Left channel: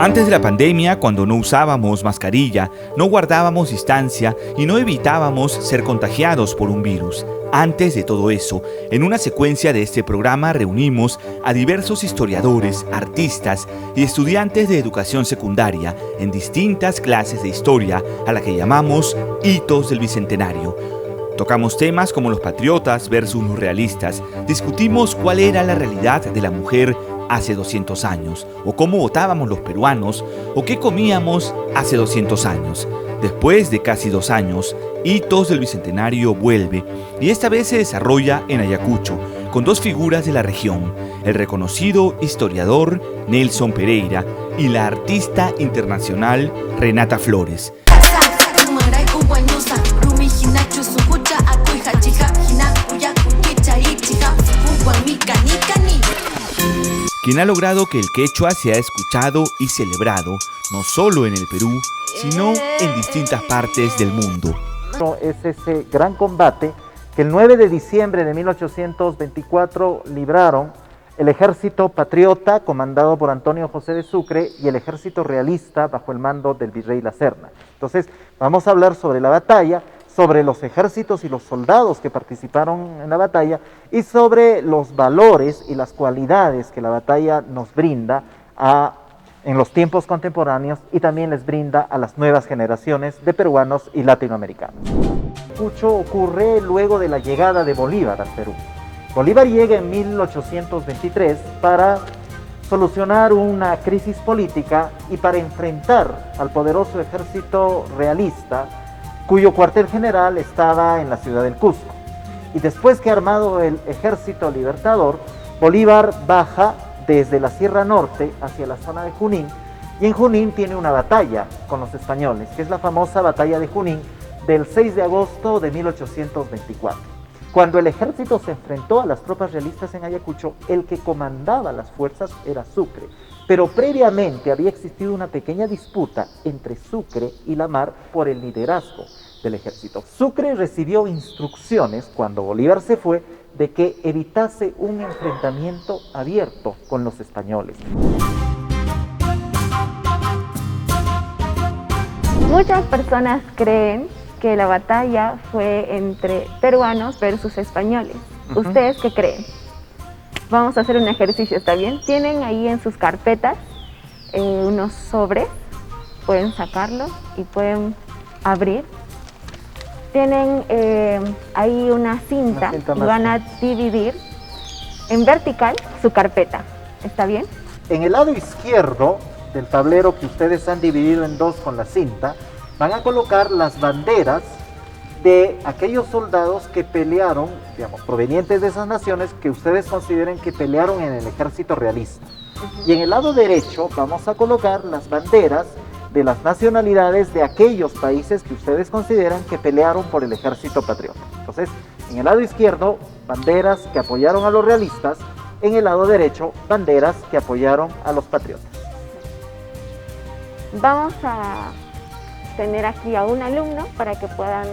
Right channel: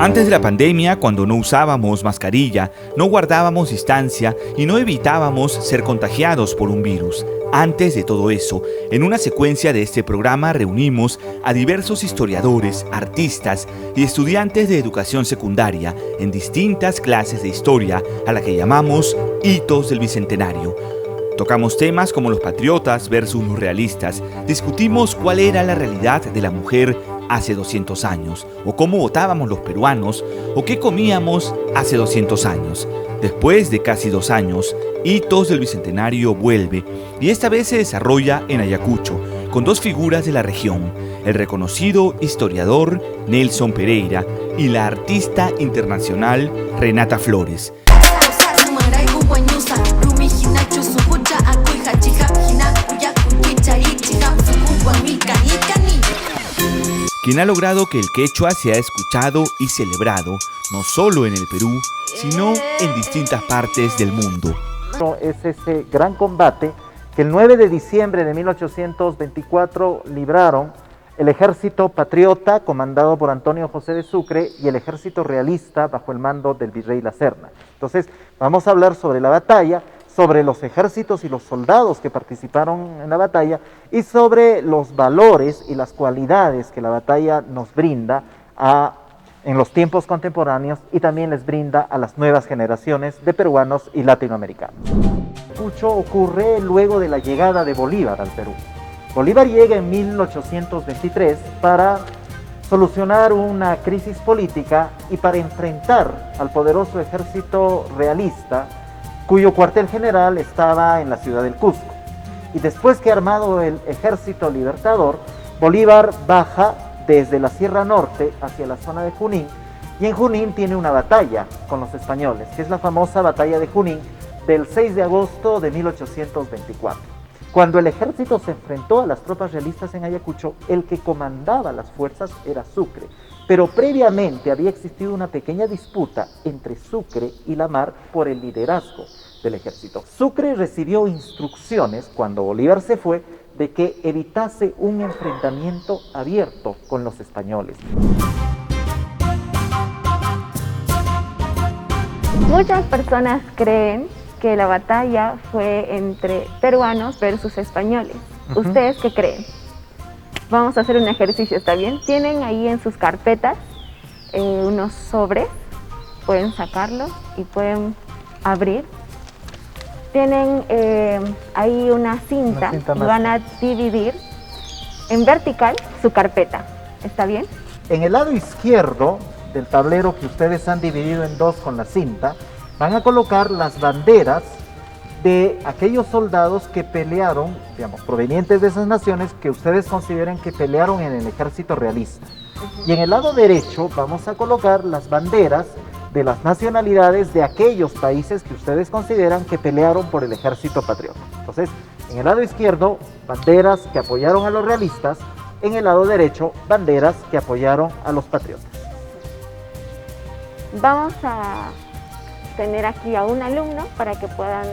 Antes de la pandemia, cuando no usábamos mascarilla, no guardábamos distancia y no evitábamos ser contagiados por un virus. Antes de todo eso, en una secuencia de este programa reunimos a diversos historiadores, artistas y estudiantes de educación secundaria en distintas clases de historia a la que llamamos Hitos del Bicentenario. Tocamos temas como los patriotas versus los realistas, discutimos cuál era la realidad de la mujer hace 200 años, o cómo votábamos los peruanos, o qué comíamos hace 200 años. Después de casi 2 años, Hitos del Bicentenario vuelve, y esta vez se desarrolla en Ayacucho, con 2 figuras de la región, el reconocido historiador Nelson Pereira y la artista internacional Renata Flores. Quien ha logrado que el quechua sea escuchado y celebrado, no solo en el Perú, sino en distintas partes del mundo. Es ese gran combate que el 9 de diciembre de 1824 libraron el ejército patriota comandado por Antonio José de Sucre y el ejército realista bajo el mando del virrey La Serna. Entonces vamos a hablar sobre la batalla, sobre los ejércitos y los soldados que participaron en la batalla y sobre los valores y las cualidades que la batalla nos brinda en los tiempos contemporáneos y también les brinda a las nuevas generaciones de peruanos y latinoamericanos. Mucho ocurre luego de la llegada de Bolívar al Perú. Bolívar llega en 1823 para solucionar una crisis política y para enfrentar al poderoso ejército realista, cuyo cuartel general estaba en la ciudad del Cusco. Y después que armado el ejército libertador, Bolívar baja desde la Sierra Norte hacia la zona de Junín, y en Junín tiene una batalla con los españoles, que es la famosa batalla de Junín del 6 de agosto de 1824. Cuando el ejército se enfrentó a las tropas realistas en Ayacucho, el que comandaba las fuerzas era Sucre. Pero previamente había existido una pequeña disputa entre Sucre y La Mar por el liderazgo del ejército. Sucre recibió instrucciones cuando Bolívar se fue de que evitase un enfrentamiento abierto con los españoles. Muchas personas creen que la batalla fue entre peruanos versus españoles. ¿Ustedes qué creen? Vamos a hacer un ejercicio, ¿está bien? Tienen ahí en sus carpetas unos sobres, pueden sacarlos y pueden abrir. Tienen ahí una cinta y van a dividir en vertical su carpeta, ¿está bien? En el lado izquierdo del tablero que ustedes han dividido en 2 con la cinta, van a colocar las banderas de aquellos soldados que pelearon, digamos, provenientes de esas naciones que ustedes consideren que pelearon en el ejército realista. Y en el lado derecho vamos a colocar las banderas de las nacionalidades de aquellos países que ustedes consideran que pelearon por el ejército patriota. Entonces, en el lado izquierdo, banderas que apoyaron a los realistas, en el lado derecho, banderas que apoyaron a los patriotas. Vamos a tener aquí a un alumno para que puedan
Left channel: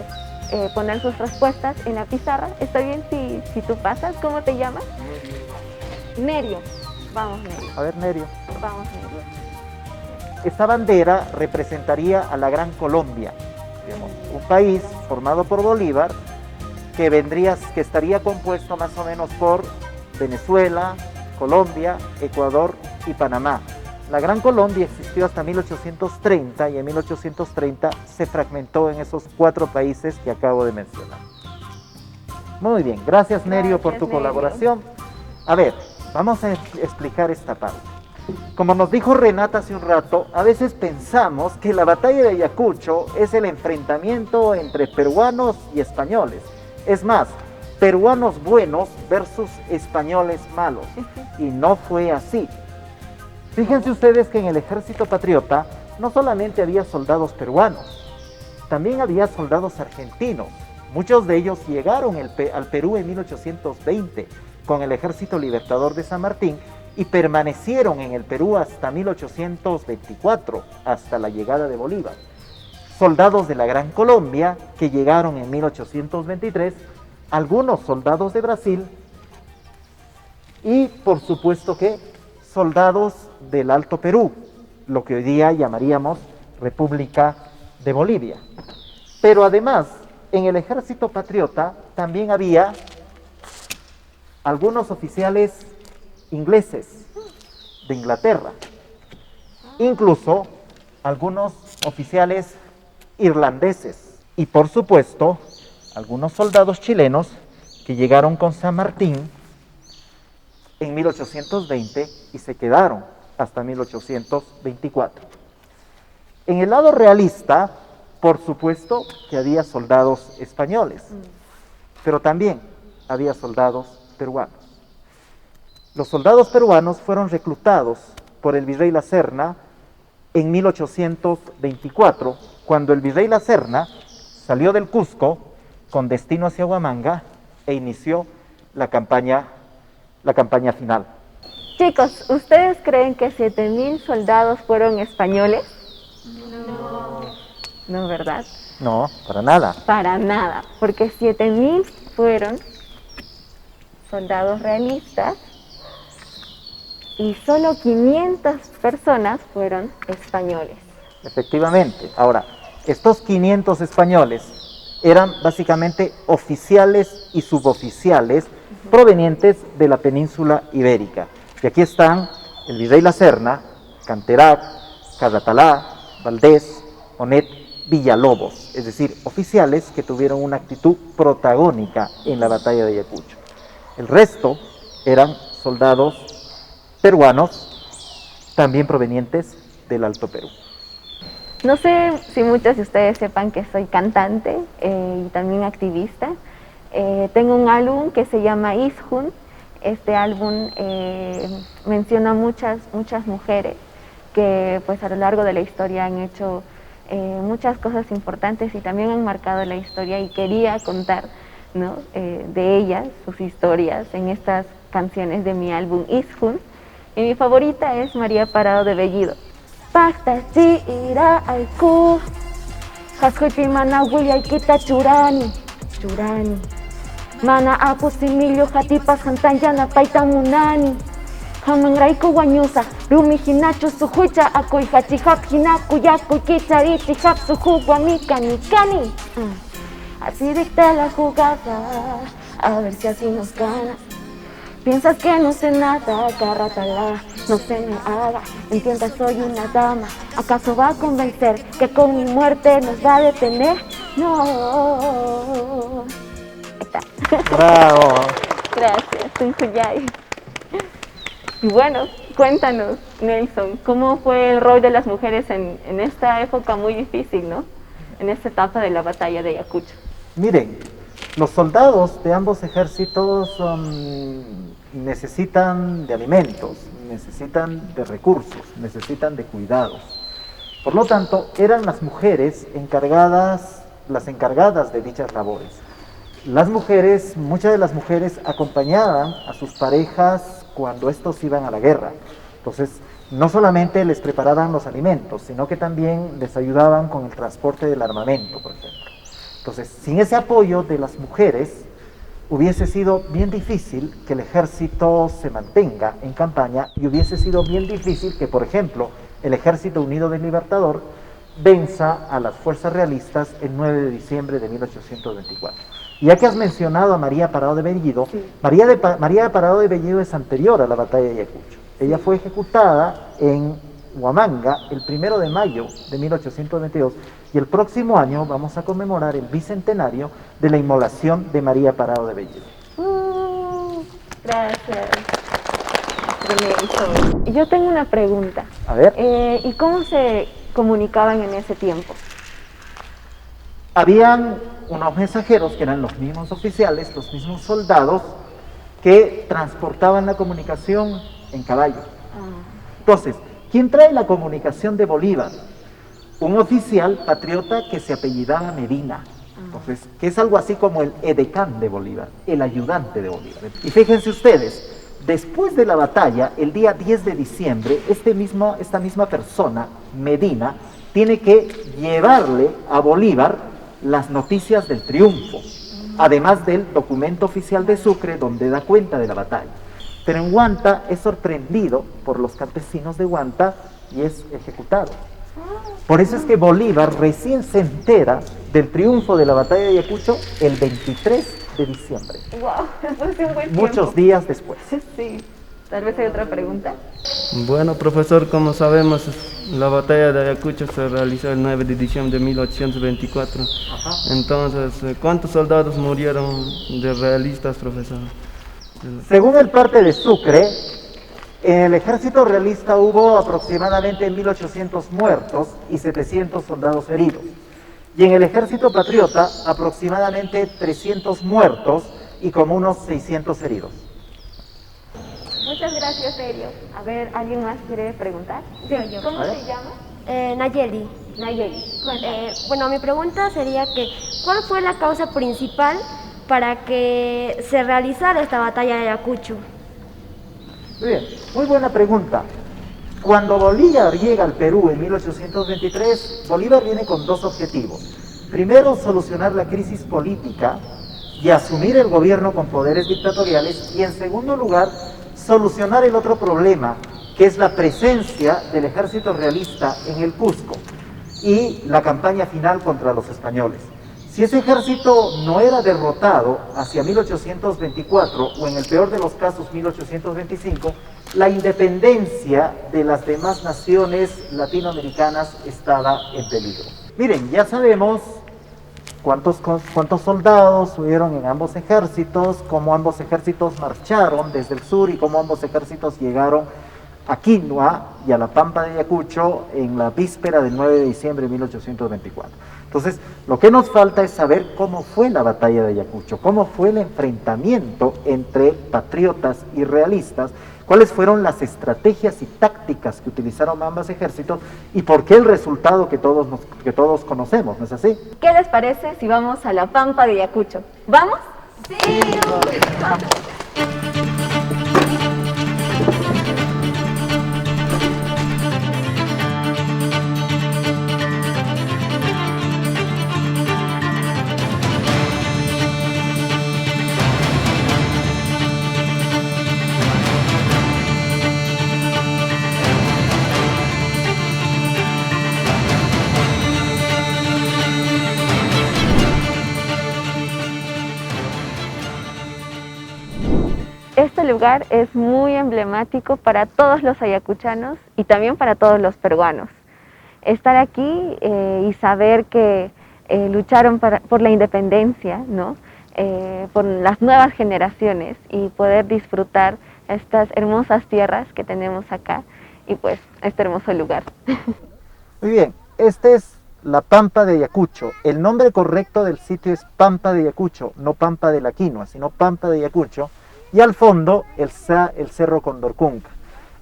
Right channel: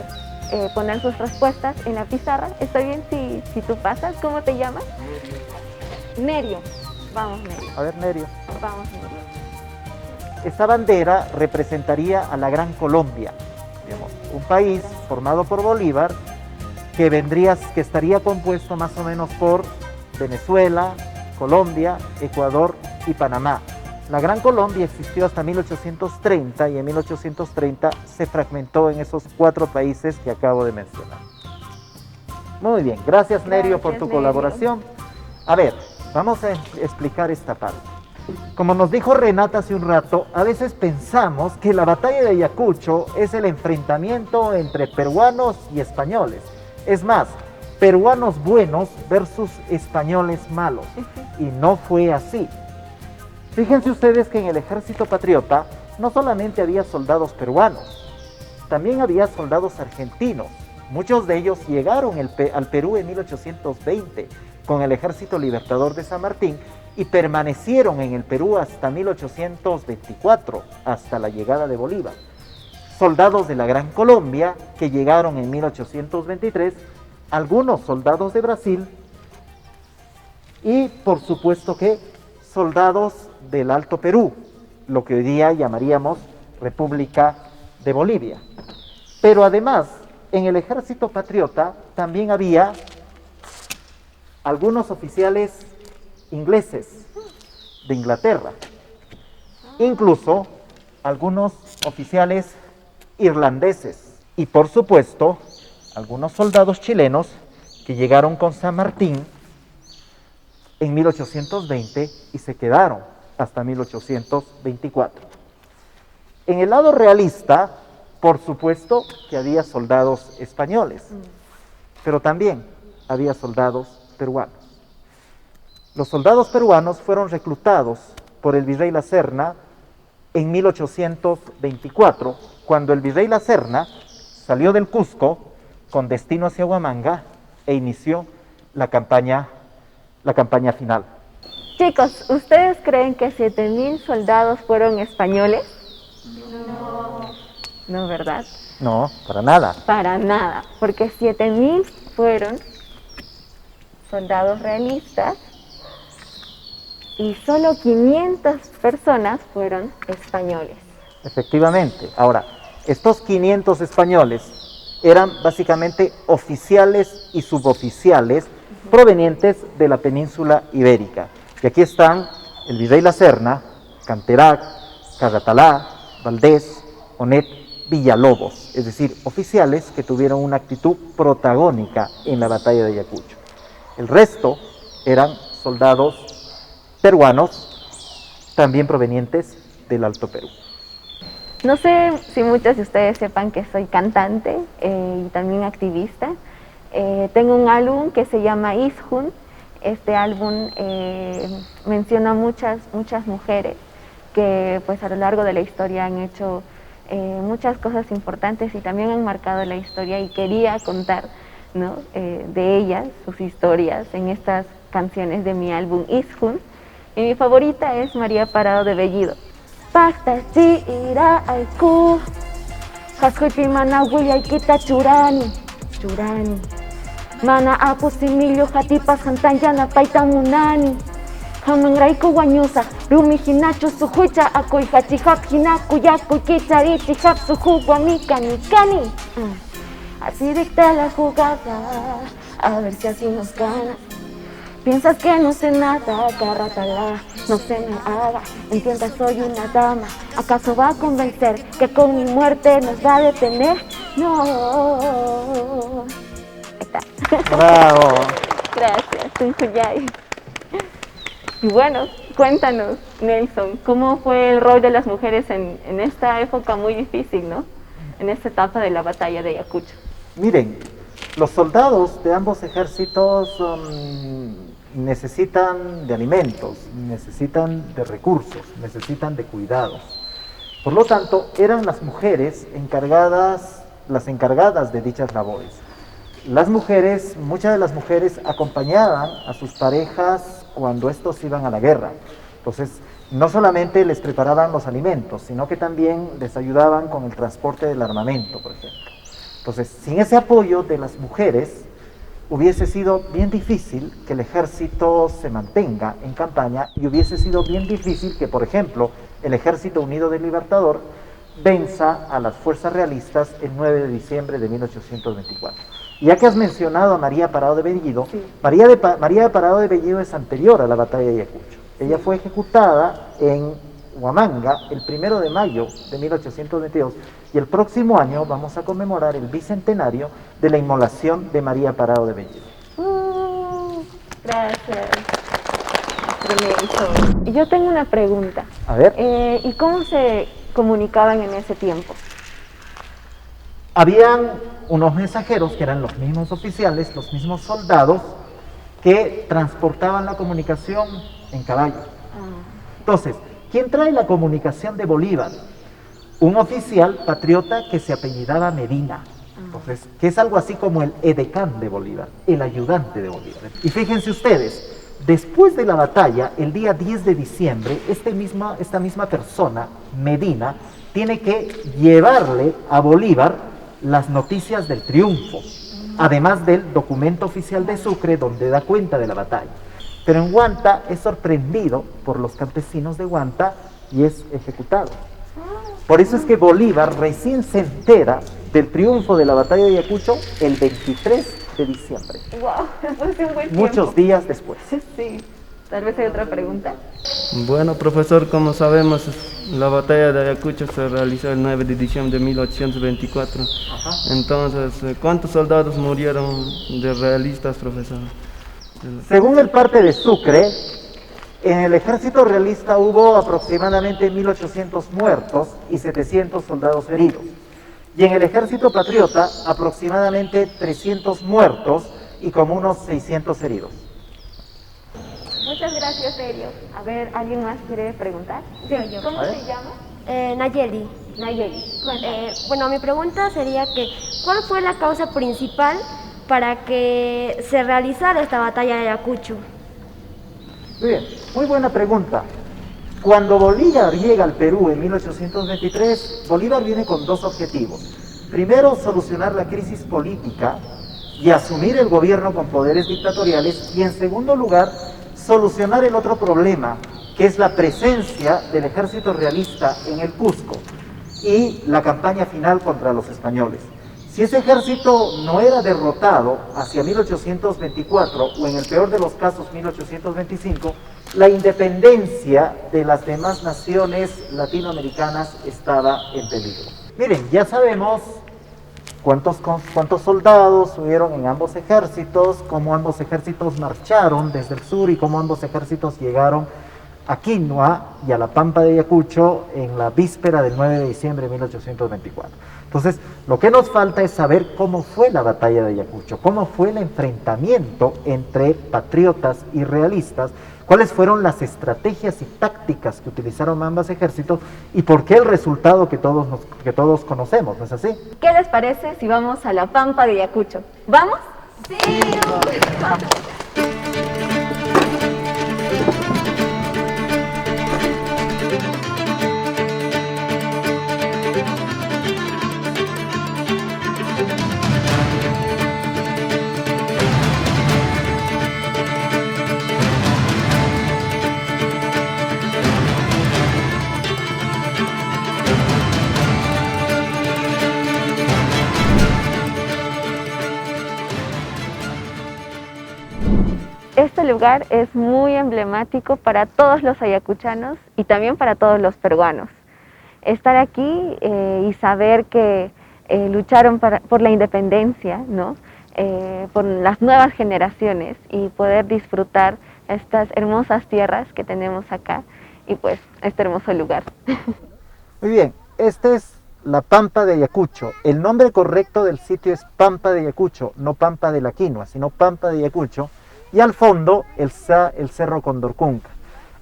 poner sus respuestas en la pizarra. ¿Está bien si tú pasas? ¿Cómo te llamas? Nerio. Vamos, Nerio. Vamos, Nerio. Esta bandera representaría a la Gran Colombia, un país formado por Bolívar que estaría compuesto más o menos por Venezuela, Colombia, Ecuador y Panamá. La Gran Colombia existió hasta 1830 y en 1830 se fragmentó en esos 4 países que acabo de mencionar. Muy bien, gracias Nerio por tu colaboración. A ver, vamos a explicar esta parte. Como nos dijo Renata hace un rato, a veces pensamos que la batalla de Ayacucho es el enfrentamiento entre peruanos y españoles. Es más, peruanos buenos versus españoles malos. Y no fue así. Fíjense ustedes que en el ejército patriota no solamente había soldados peruanos, también había soldados argentinos. Muchos de ellos llegaron al Perú en 1820 con el Ejército Libertador de San Martín y permanecieron en el Perú hasta 1824, hasta la llegada de Bolívar. Soldados de la Gran Colombia que llegaron en 1823, algunos soldados de Brasil y por supuesto que soldados del Alto Perú, lo que hoy día llamaríamos República de Bolivia. Pero además, en el ejército patriota también había algunos oficiales ingleses de Inglaterra, incluso algunos oficiales irlandeses y, por supuesto, algunos soldados chilenos que llegaron con San Martín en 1820 y se quedaron hasta 1824. En el lado realista, por supuesto que había soldados españoles, pero también había soldados peruanos. Los soldados peruanos fueron reclutados por el virrey La Serna en 1824, cuando el virrey La Serna salió del Cusco con destino hacia Huamanga e inició la campaña final. Chicos, ¿ustedes creen que 7.000 soldados fueron españoles? No, ¿verdad? No, para nada. Para nada, porque 7.000 fueron soldados realistas y solo 500 personas fueron españoles. Efectivamente. Ahora, estos 500 españoles eran básicamente oficiales y suboficiales provenientes de la península ibérica. Y aquí están el virrey La Serna, Canterac, Cadatalá, Valdés, Onet, Villalobos, es decir, oficiales que tuvieron una actitud protagónica en la batalla de Ayacucho. El resto eran soldados peruanos, también provenientes del Alto Perú. No sé si muchos de ustedes sepan que soy cantante y también activista. Tengo un álbum que se llama Ishun. Este álbum menciona muchas mujeres que pues a lo largo de la historia han hecho muchas cosas importantes y también han marcado la historia, y quería contar, ¿no? De ellas, sus historias en estas canciones de mi álbum Ishun. Y mi favorita es María Parado de Bellido. Pacta si ira aiku, haskuipi mana wilya kita churani. Mana apu similyo hatipas hantanyana paitamunani. Hamangraiku wanyusa, rumi hinachu suhucha akoi hachihap hinaku yaku kicharichi hap suhu guamikani kani. Así dicta la jugada, a ver si así nos gana. Piensas que no sé nada, agárratala, no se me haga, entienda soy una dama. ¿Acaso va a convencer que con mi muerte nos va a detener? No. Ahí está. Gracias, Tunjuyay. Y bueno, cuéntanos, Nelson, ¿cómo fue el rol de las mujeres en esta época muy difícil, ¿no? En esta etapa de la batalla de Ayacucho. Miren, los soldados de ambos ejércitos necesitan de alimentos, necesitan de recursos, necesitan de cuidados. Por lo tanto, eran las mujeres las encargadas de dichas labores. Muchas de las mujeres acompañaban a sus parejas cuando estos iban a la guerra. Entonces, no solamente les preparaban los alimentos, sino que también les ayudaban con el transporte del armamento, por ejemplo. Entonces, sin ese apoyo de las mujeres, hubiese sido bien difícil que el ejército se mantenga en campaña, hubiese sido bien difícil que, por ejemplo, el Ejército Unido del Libertador venza a las fuerzas realistas el 9 de diciembre de 1824. Ya que has mencionado a María Parado de Bellido, sí. María Parado de Bellido es anterior a la batalla de Ayacucho. Sí. Ella fue ejecutada en Huamanga el 1 de mayo de 1822 y el próximo año vamos a conmemorar el bicentenario de la inmolación de María Parado de Bellido. Gracias. Yo tengo una pregunta. A ver. ¿Y cómo se comunicaban en ese tiempo? Habían unos mensajeros que eran los mismos oficiales, los mismos soldados que transportaban la comunicación en caballo. Entonces, ¿quién trae la comunicación de Bolívar? Un oficial patriota que se apellidaba Medina, entonces, que es algo así como el edecán de Bolívar, el ayudante de Bolívar. Y fíjense ustedes, después de la batalla, el día 10 de diciembre, esta misma persona, Medina, tiene que llevarle a Bolívar las noticias del triunfo, además del documento oficial de Sucre donde da cuenta de la batalla. Pero en Huanta es sorprendido por los campesinos de Huanta y es ejecutado. Por eso es que Bolívar recién se entera del triunfo de la batalla de Ayacucho el 23 de diciembre. Wow, después de un buen tiempo. Muchos días después. Sí, tal vez hay otra pregunta. Bueno, profesor, como sabemos, la batalla de Ayacucho se realizó el 9 de diciembre de 1824. Ajá. Entonces, ¿cuántos soldados murieron de realistas, profesor? Según el parte de Sucre, en el ejército realista hubo aproximadamente 1800 muertos y 700 soldados heridos. Y en el ejército patriota, aproximadamente 300 muertos y como unos 600 heridos. Muchas gracias, Sergio. A ver, ¿alguien más quiere preguntar? Sí, yo. ¿Cómo te llamas? Nayeli. Nayeli. Cuéntame. Bueno, mi pregunta sería que, ¿cuál fue la causa principal para que se realizara esta batalla de Ayacucho? Bien, muy buena pregunta. Cuando Bolívar llega al Perú en 1823, Bolívar viene con dos objetivos. Primero, solucionar la crisis política y asumir el gobierno con poderes dictatoriales. Y en segundo lugar, solucionar el otro problema, que es la presencia del ejército realista en el Cusco y la campaña final contra los españoles. Si ese ejército no era derrotado hacia 1824 o en el peor de los casos 1825, la independencia de las demás naciones latinoamericanas estaba en peligro. Miren, ya sabemos cuántos soldados hubieron en ambos ejércitos, cómo ambos ejércitos marcharon desde el sur y cómo ambos ejércitos llegaron a Quinua y a la Pampa de Ayacucho en la víspera del 9 de diciembre de 1824. Entonces, lo que nos falta es saber cómo fue la batalla de Ayacucho, cómo fue el enfrentamiento entre patriotas y realistas, cuáles fueron las estrategias y tácticas que utilizaron ambos ejércitos y por qué el resultado que todos conocemos, ¿no es así? ¿Qué les parece si vamos a la Pampa de Ayacucho? ¿Vamos? Sí, vamos. Este lugar es muy emblemático para todos los ayacuchanos y también para todos los peruanos. Estar aquí y saber que lucharon por la independencia, ¿no? Por las nuevas generaciones y poder disfrutar estas hermosas tierras que tenemos acá y pues este hermoso lugar. Muy bien, esta es la Pampa de Ayacucho. El nombre correcto del sitio es Pampa de Ayacucho, no Pampa de la Quinua, sino Pampa de Ayacucho. Y al fondo el Cerro Condorcunca.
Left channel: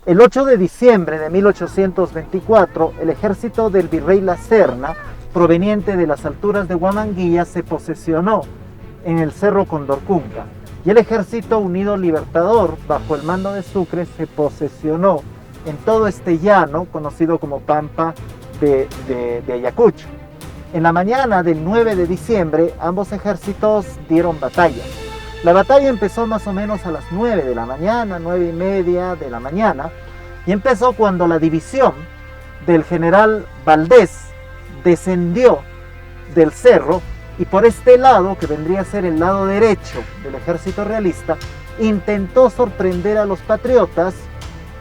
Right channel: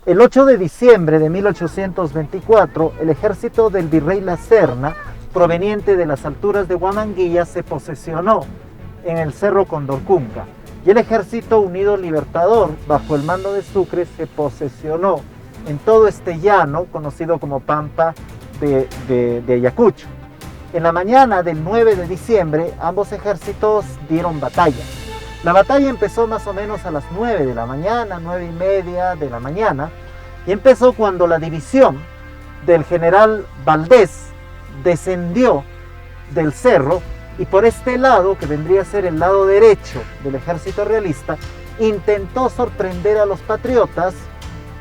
El 8 de diciembre de 1824, el ejército del virrey La Serna, proveniente de las alturas de Huamanguilla, se posesionó en el Cerro Condorcunca. Y el ejército unido libertador, bajo el mando de Sucre, se posesionó en todo este llano, conocido como Pampa de Ayacucho. En la mañana del 9 de diciembre, ambos ejércitos dieron batalla. La batalla empezó más o menos a las 9 de la mañana, 9:30 de la mañana, y empezó cuando la división del general Valdés descendió del cerro y por este lado, que vendría a ser el lado derecho del ejército realista, intentó sorprender a los patriotas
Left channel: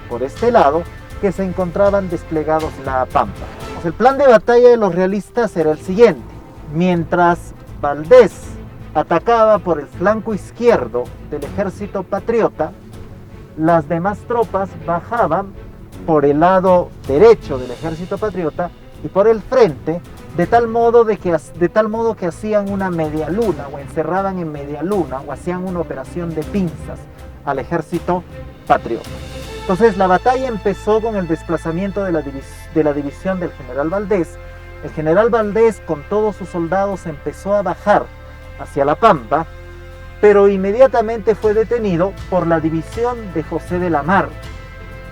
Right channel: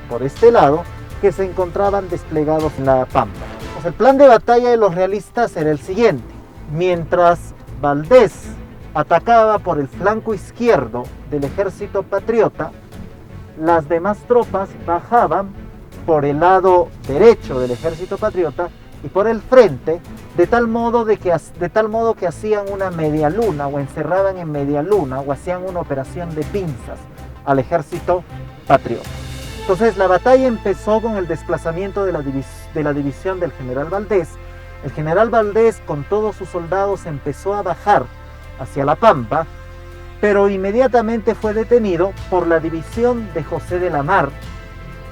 por este lado que se encontraban desplegados en la Pampa. Pues el plan de batalla de los realistas era el siguiente: mientras Valdés atacaba por el flanco izquierdo del ejército patriota, las demás tropas bajaban por el lado derecho del ejército patriota y por el frente, de tal modo que hacían una media luna o encerraban en media luna o hacían una operación de pinzas al ejército patriota. Entonces la batalla empezó con el desplazamiento de la división del general Valdés. El general Valdés con todos sus soldados empezó a bajar hacia la Pampa, pero inmediatamente fue detenido por la división de José de la Mar,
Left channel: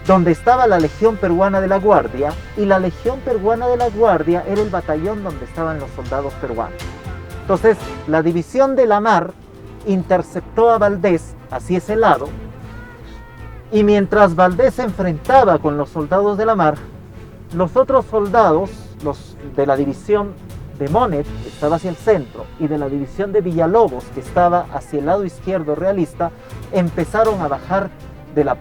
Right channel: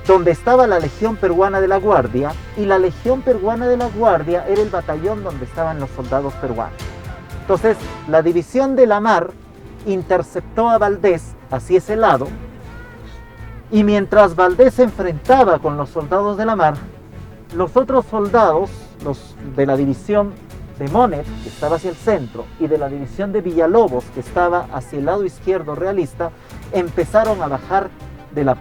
donde estaba la Legión Peruana de la Guardia, y la Legión Peruana de la Guardia era el batallón donde estaban los soldados peruanos. Entonces, la división de la Mar interceptó a Valdés hacia ese lado, Y mientras Valdés se enfrentaba con los soldados de la mar, los otros soldados, los de la división de Monet, que estaba hacia el centro, y de la división de Villalobos, que estaba hacia el lado izquierdo realista, empezaron a bajar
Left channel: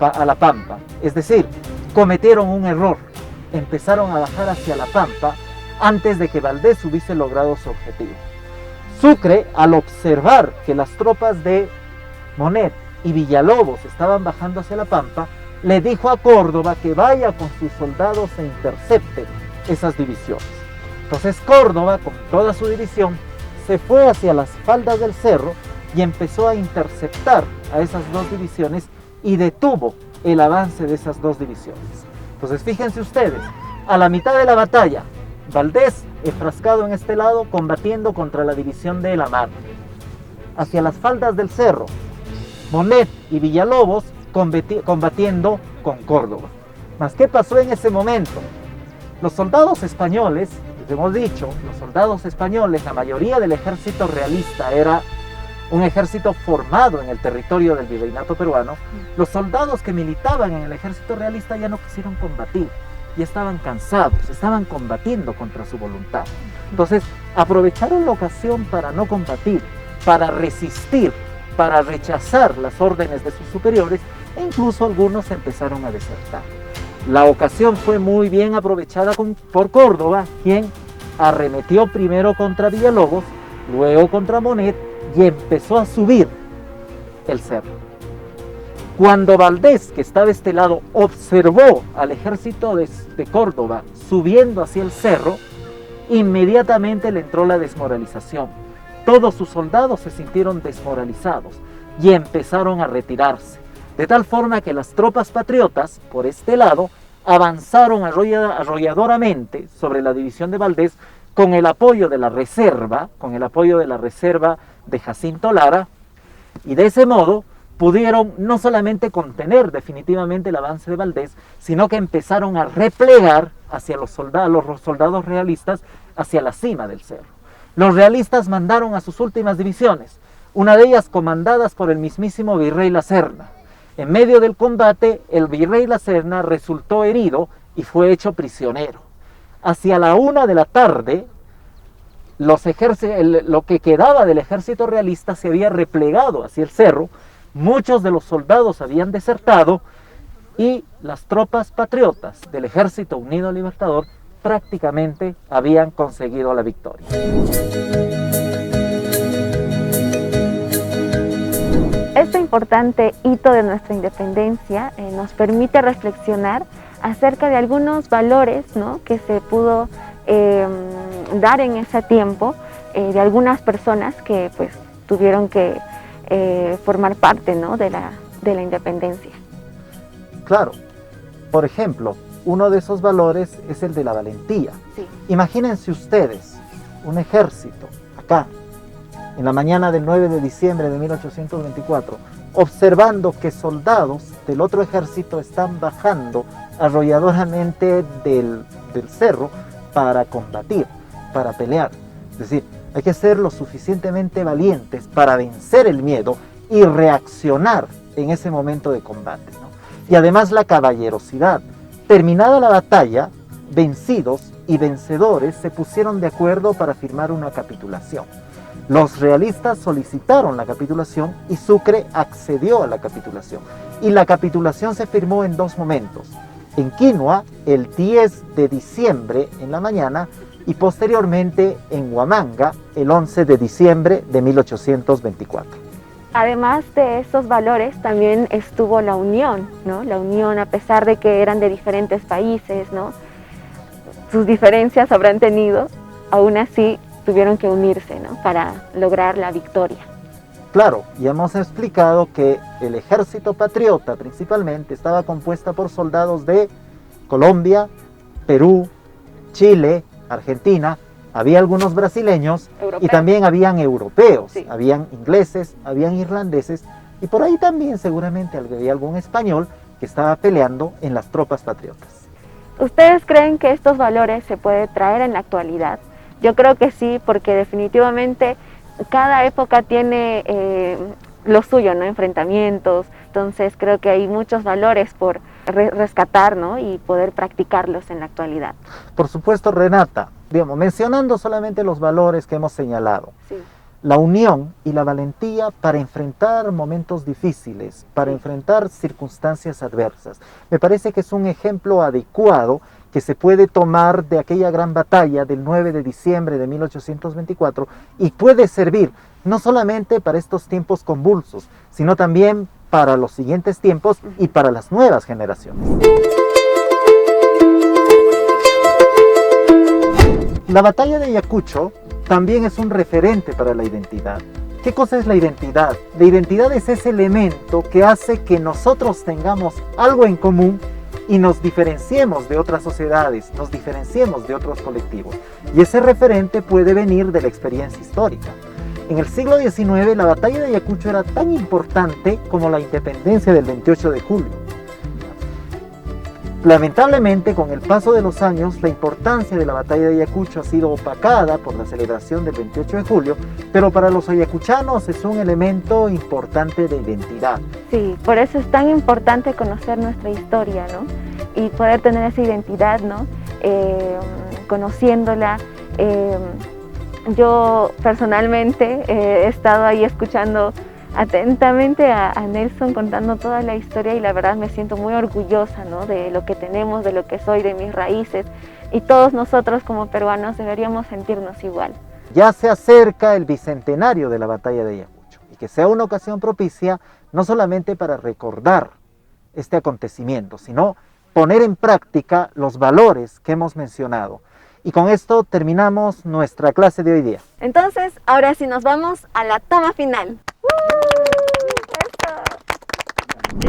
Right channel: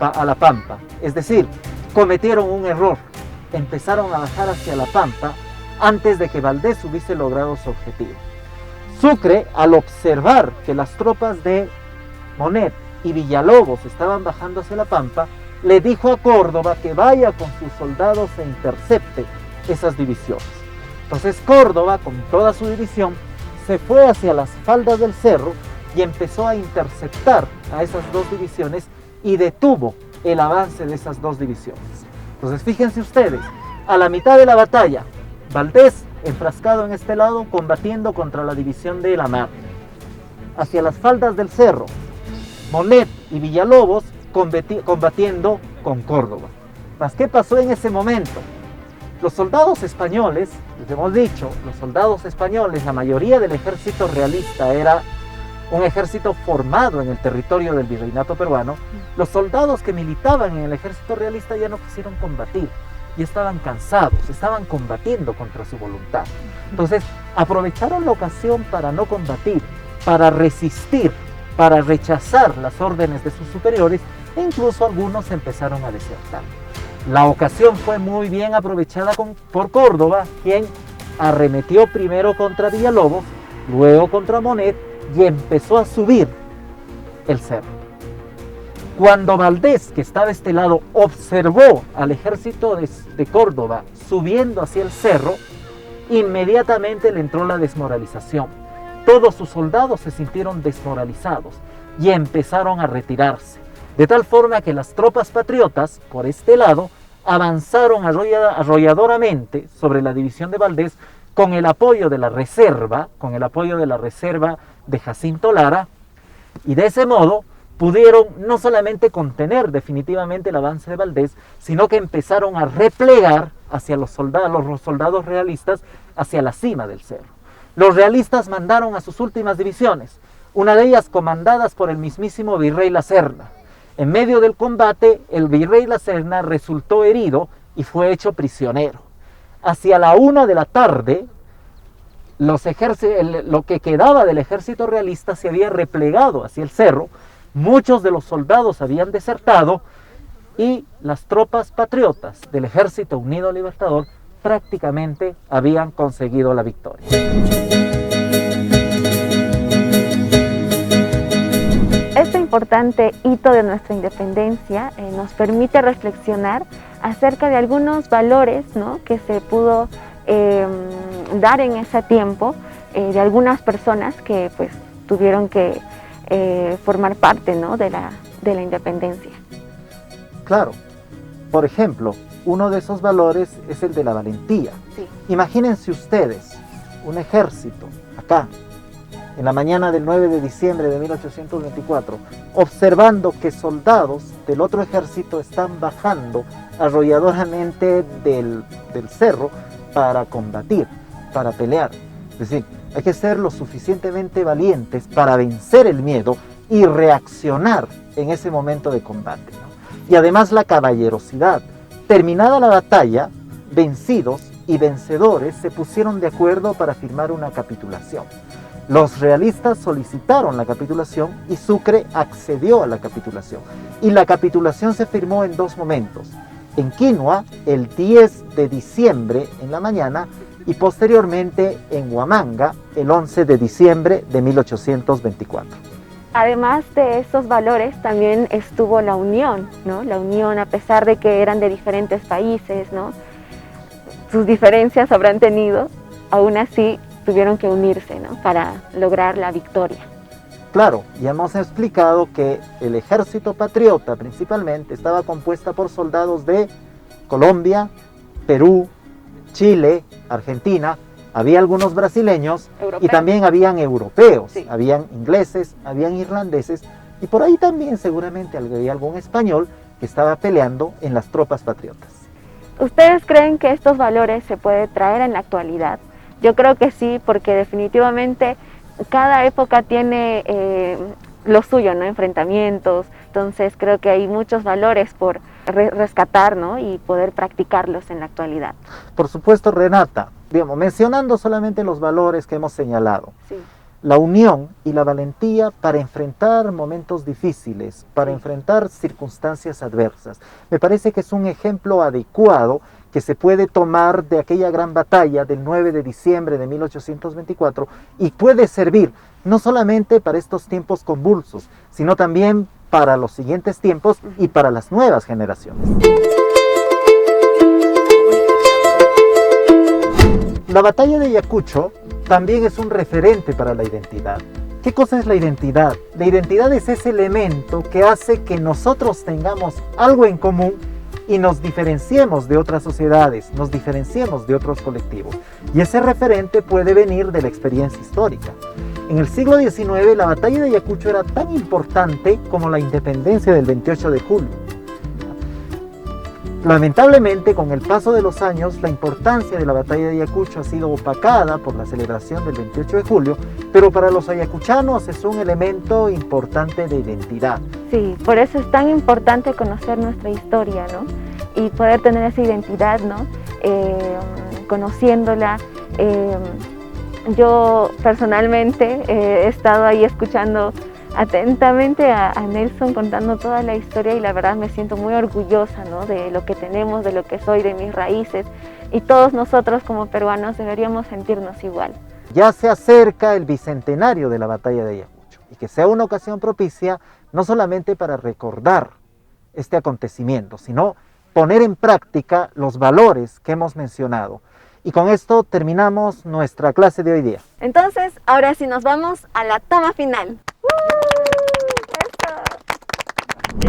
a la pampa. Es decir, cometieron un error. Empezaron a bajar hacia la pampa antes de que Valdés hubiese logrado su objetivo. Sucre, al observar que las tropas de Monet y Villalobos estaban bajando hacia la pampa, le dijo a Córdoba que vaya con sus soldados e intercepte esas divisiones. Entonces Córdoba, con toda su división, se fue hacia las faldas del cerro y empezó a interceptar a esas dos divisiones y detuvo el avance de esas dos divisiones. Entonces fíjense ustedes, a la mitad de la batalla, Valdés enfrascado en este lado combatiendo contra la división de la mar. Hacia las faldas del cerro, Monet y Villalobos combatiendo con Córdoba. ¿Mas qué pasó en ese momento? Los soldados españoles, hemos dicho, los soldados españoles, la mayoría del ejército realista era un ejército formado en el territorio del virreinato peruano. Los soldados que militaban en el ejército realista ya no quisieron combatir, ya estaban cansados, estaban combatiendo contra su voluntad. Entonces aprovecharon la ocasión para no combatir, para resistir, para rechazar las órdenes de sus superiores, e incluso algunos empezaron a desertar. La ocasión fue muy bien aprovechada por Córdoba, quien arremetió primero contra Villalobos, luego contra Monet, y empezó a subir el cerro. Cuando Valdés, que estaba de este lado, observó al ejército de Córdoba subiendo hacia el cerro, inmediatamente le entró la desmoralización. Todos sus soldados se sintieron desmoralizados y empezaron a retirarse, de tal forma que las tropas patriotas, por este lado, avanzaron arrolladoramente sobre la división de Valdés con el apoyo de la reserva, de Jacinto Lara, y de ese modo pudieron no solamente contener definitivamente el avance de Valdés, sino que empezaron a replegar hacia los soldados realistas hacia la cima del cerro. Los realistas mandaron a sus últimas divisiones, una de ellas comandadas por el mismísimo virrey La Serna. En medio del combate, el virrey La Serna resultó herido y fue hecho prisionero. Hacia la 1 de la tarde, lo que quedaba del ejército realista se había replegado hacia el cerro, muchos de los soldados habían desertado y las tropas patriotas del Ejército Unido Libertador prácticamente habían conseguido la victoria. Este importante hito de nuestra independencia nos permite reflexionar acerca de algunos valores, ¿no?, que se pudo dar en ese tiempo de algunas personas que pues tuvieron que formar parte, ¿no?, de la independencia. Claro, por ejemplo, uno de esos valores es el de la valentía. Sí. Imagínense ustedes un ejército acá, en la mañana del 9 de diciembre de 1824, observando que soldados del otro ejército están bajando arrolladoramente del cerro para combatir, para pelear. Es decir, hay que ser lo suficientemente valientes para vencer el miedo y reaccionar en ese momento de combate, ¿no? Y además la caballerosidad. Terminada la batalla, vencidos y vencedores se pusieron de acuerdo para firmar una capitulación. Los realistas solicitaron la capitulación y Sucre accedió a la capitulación. Y la capitulación se firmó en dos momentos. En Quinua, el 10 de diciembre en la mañana, y posteriormente en Huamanga, el 11 de diciembre de 1824. Además de esos valores también estuvo la unión, ¿no? La unión, a pesar de que eran de diferentes países, ¿no?, sus diferencias habrán tenido, aún así tuvieron que unirse, ¿no?, para lograr la victoria. Claro, ya hemos explicado que el ejército patriota principalmente estaba compuesta por soldados de Colombia, Perú, Chile, Argentina, había algunos brasileños y también habían europeos, sí. Habían ingleses, habían irlandeses y por ahí también seguramente había algún español que estaba peleando en las tropas patriotas. ¿Ustedes creen que estos valores se pueden traer en la actualidad? Yo creo que sí, porque definitivamente cada época tiene lo suyo, ¿no? Enfrentamientos. Entonces creo que hay muchos valores por rescatar, ¿no? Y poder practicarlos en la actualidad. Por supuesto, Renata, digamos, mencionando solamente los valores que hemos señalado. Sí. La unión y la valentía para enfrentar momentos difíciles, para enfrentar circunstancias adversas. Me parece que es un ejemplo adecuado que se puede tomar de aquella gran batalla del 9 de diciembre de 1824 y puede servir no solamente para estos tiempos convulsos, sino también para los siguientes tiempos y para las nuevas generaciones. La batalla de Ayacucho también es un referente para la identidad. ¿Qué cosa es la identidad? La identidad es ese elemento que hace que nosotros tengamos algo en común y nos diferenciemos de otras sociedades, nos diferenciemos de otros colectivos. Y ese referente puede venir de la experiencia histórica. En el siglo XIX, la batalla de Ayacucho era tan importante como la independencia del 28 de julio. Lamentablemente, con el paso de los años, la importancia de la batalla de Ayacucho ha sido opacada por la celebración del 28 de julio, pero para los ayacuchanos es un elemento importante de identidad. Sí, por eso es tan importante conocer nuestra historia, ¿no? Y poder tener esa identidad, ¿no? Conociéndola. Yo personalmente he estado ahí escuchando atentamente a Nelson contando toda la historia y la verdad me siento muy orgullosa, ¿no? De lo que tenemos, de lo que soy, de mis raíces, y todos nosotros como peruanos deberíamos sentirnos igual. Ya se acerca el bicentenario de la batalla de Ayacucho y que sea una ocasión propicia no solamente para recordar este acontecimiento, sino poner en práctica los valores que hemos mencionado. Y con esto terminamos nuestra clase de hoy día. Entonces, ahora sí nos vamos a la toma final.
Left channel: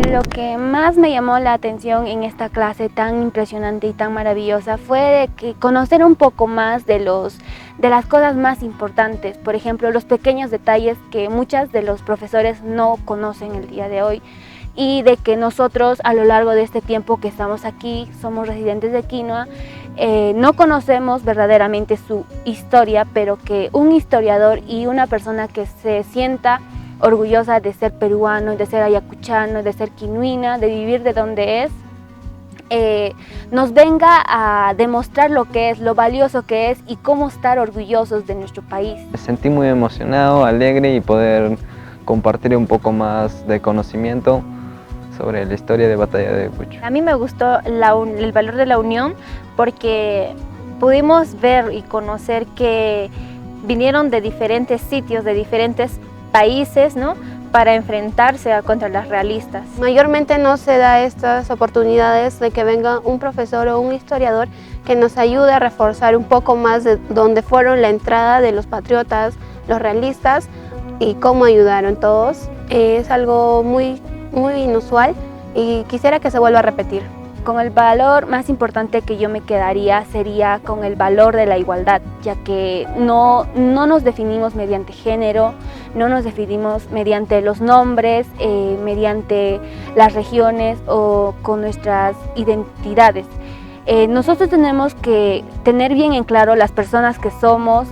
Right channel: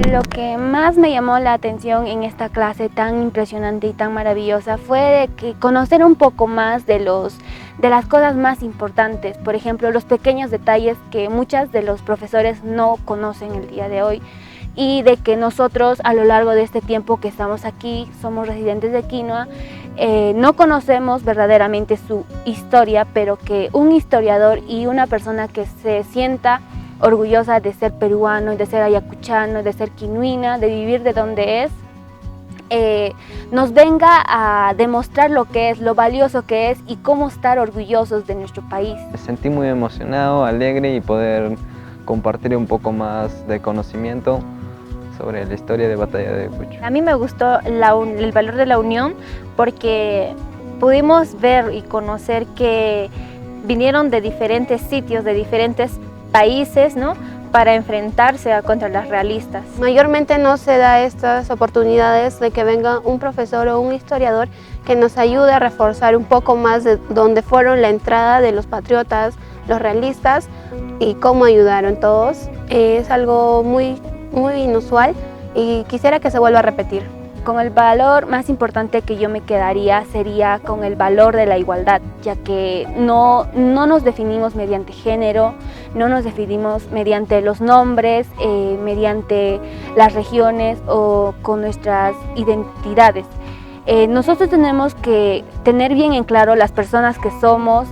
Lo que más me llamó la atención en esta clase tan impresionante y tan maravillosa fue de que conocer un poco más de las cosas más importantes, por ejemplo, los pequeños detalles que muchos de los profesores no conocen el día de hoy, y de que nosotros a lo largo de este tiempo que estamos aquí, somos residentes de Quinoa, no conocemos verdaderamente su historia, pero que un historiador y una persona que se sienta orgullosa de ser peruano, de ser ayacuchano, de ser quinuina, de vivir de donde es, nos venga a demostrar lo que es, lo valioso que es y cómo estar orgullosos de nuestro país. Me sentí muy emocionado, alegre y poder compartir un poco más de conocimiento sobre la historia de Batalla de Ayacucho. A mí me gustó el valor de la unión porque pudimos ver y conocer que vinieron de diferentes sitios, de diferentes países, ¿no? Para enfrentarse contra las realistas. Mayormente no se da estas oportunidades de que venga un profesor o un historiador que nos ayude a reforzar un poco más de dónde fueron la entrada de los patriotas, los realistas y cómo ayudaron todos. Es algo muy inusual y quisiera que se vuelva a repetir. Con el valor más importante que yo me quedaría sería con el valor de la igualdad, ya que no nos definimos mediante género, no nos definimos mediante los nombres, mediante las regiones o con nuestras identidades. Nosotros tenemos que tener bien en claro las personas que somos,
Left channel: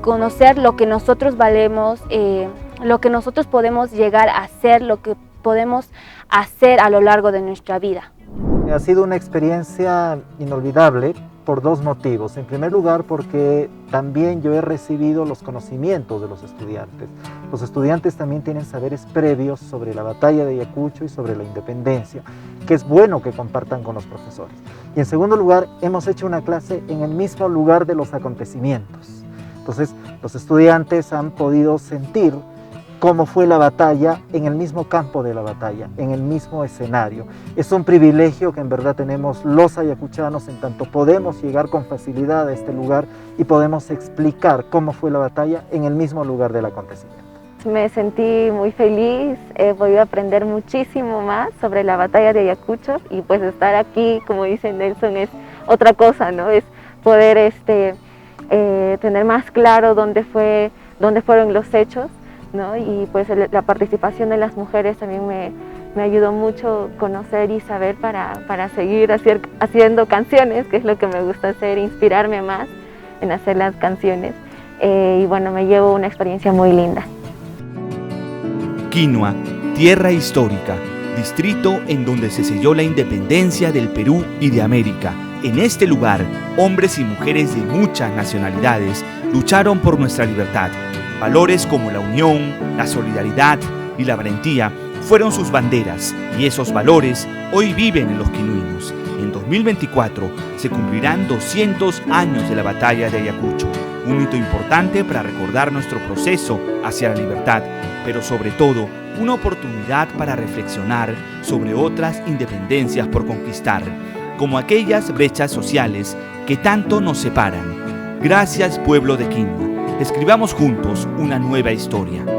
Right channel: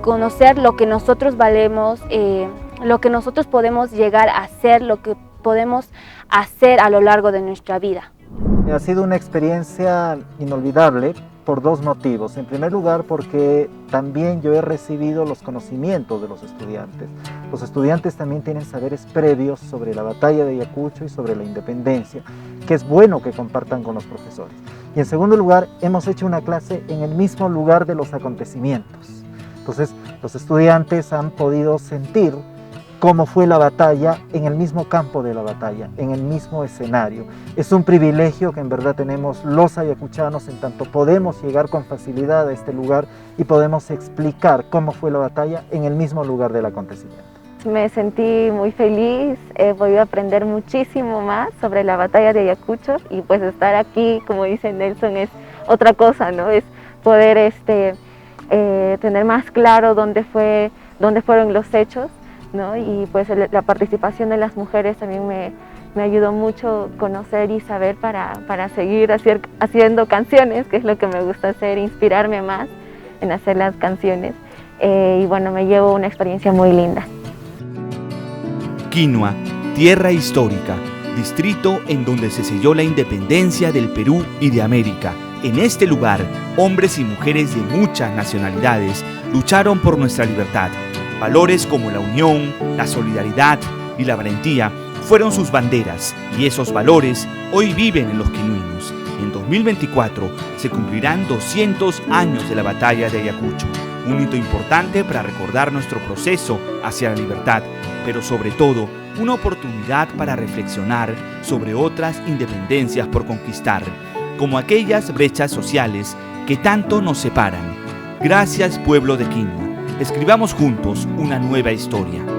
conocer lo que nosotros valemos, lo que nosotros podemos llegar a ser, lo que podemos hacer a lo largo de nuestra vida. Ha sido una experiencia inolvidable por dos motivos. En primer lugar, porque también yo he recibido los conocimientos de los estudiantes. Los estudiantes también tienen saberes previos sobre la batalla de Ayacucho y sobre la independencia, que es bueno que compartan con los profesores. Y en segundo lugar, hemos hecho una clase en el mismo lugar de los acontecimientos. Entonces, los estudiantes han podido sentir cómo fue la batalla en el mismo campo de la batalla, en el mismo escenario. Es un privilegio que en verdad tenemos los ayacuchanos, en tanto podemos llegar con facilidad a este lugar y podemos explicar cómo fue la batalla en el mismo lugar del acontecimiento. Me sentí muy feliz, he podido aprender muchísimo más sobre la batalla de Ayacucho y pues estar aquí, como dice Nelson, es otra cosa, ¿no? Es poder tener más claro dónde fueron los hechos, ¿no? Y pues la participación de las mujeres también me ayudó mucho conocer y saber para seguir haciendo canciones, que es lo que me gusta hacer, inspirarme más en hacer las canciones. Y bueno, me llevo una experiencia muy linda. Quinua, tierra histórica, distrito en donde se selló la independencia del Perú y de América. En este lugar, hombres y mujeres de muchas nacionalidades lucharon por nuestra libertad. Valores como la unión, la solidaridad y la valentía fueron sus banderas, y esos valores hoy viven en los quinuinos. En 2024 se cumplirán 200 años de la batalla de Ayacucho, un hito importante para recordar nuestro proceso hacia la libertad, pero sobre todo una oportunidad para reflexionar sobre otras independencias por conquistar, como aquellas brechas sociales que tanto nos separan. Gracias, pueblo de Quinua. Escribamos juntos una nueva historia.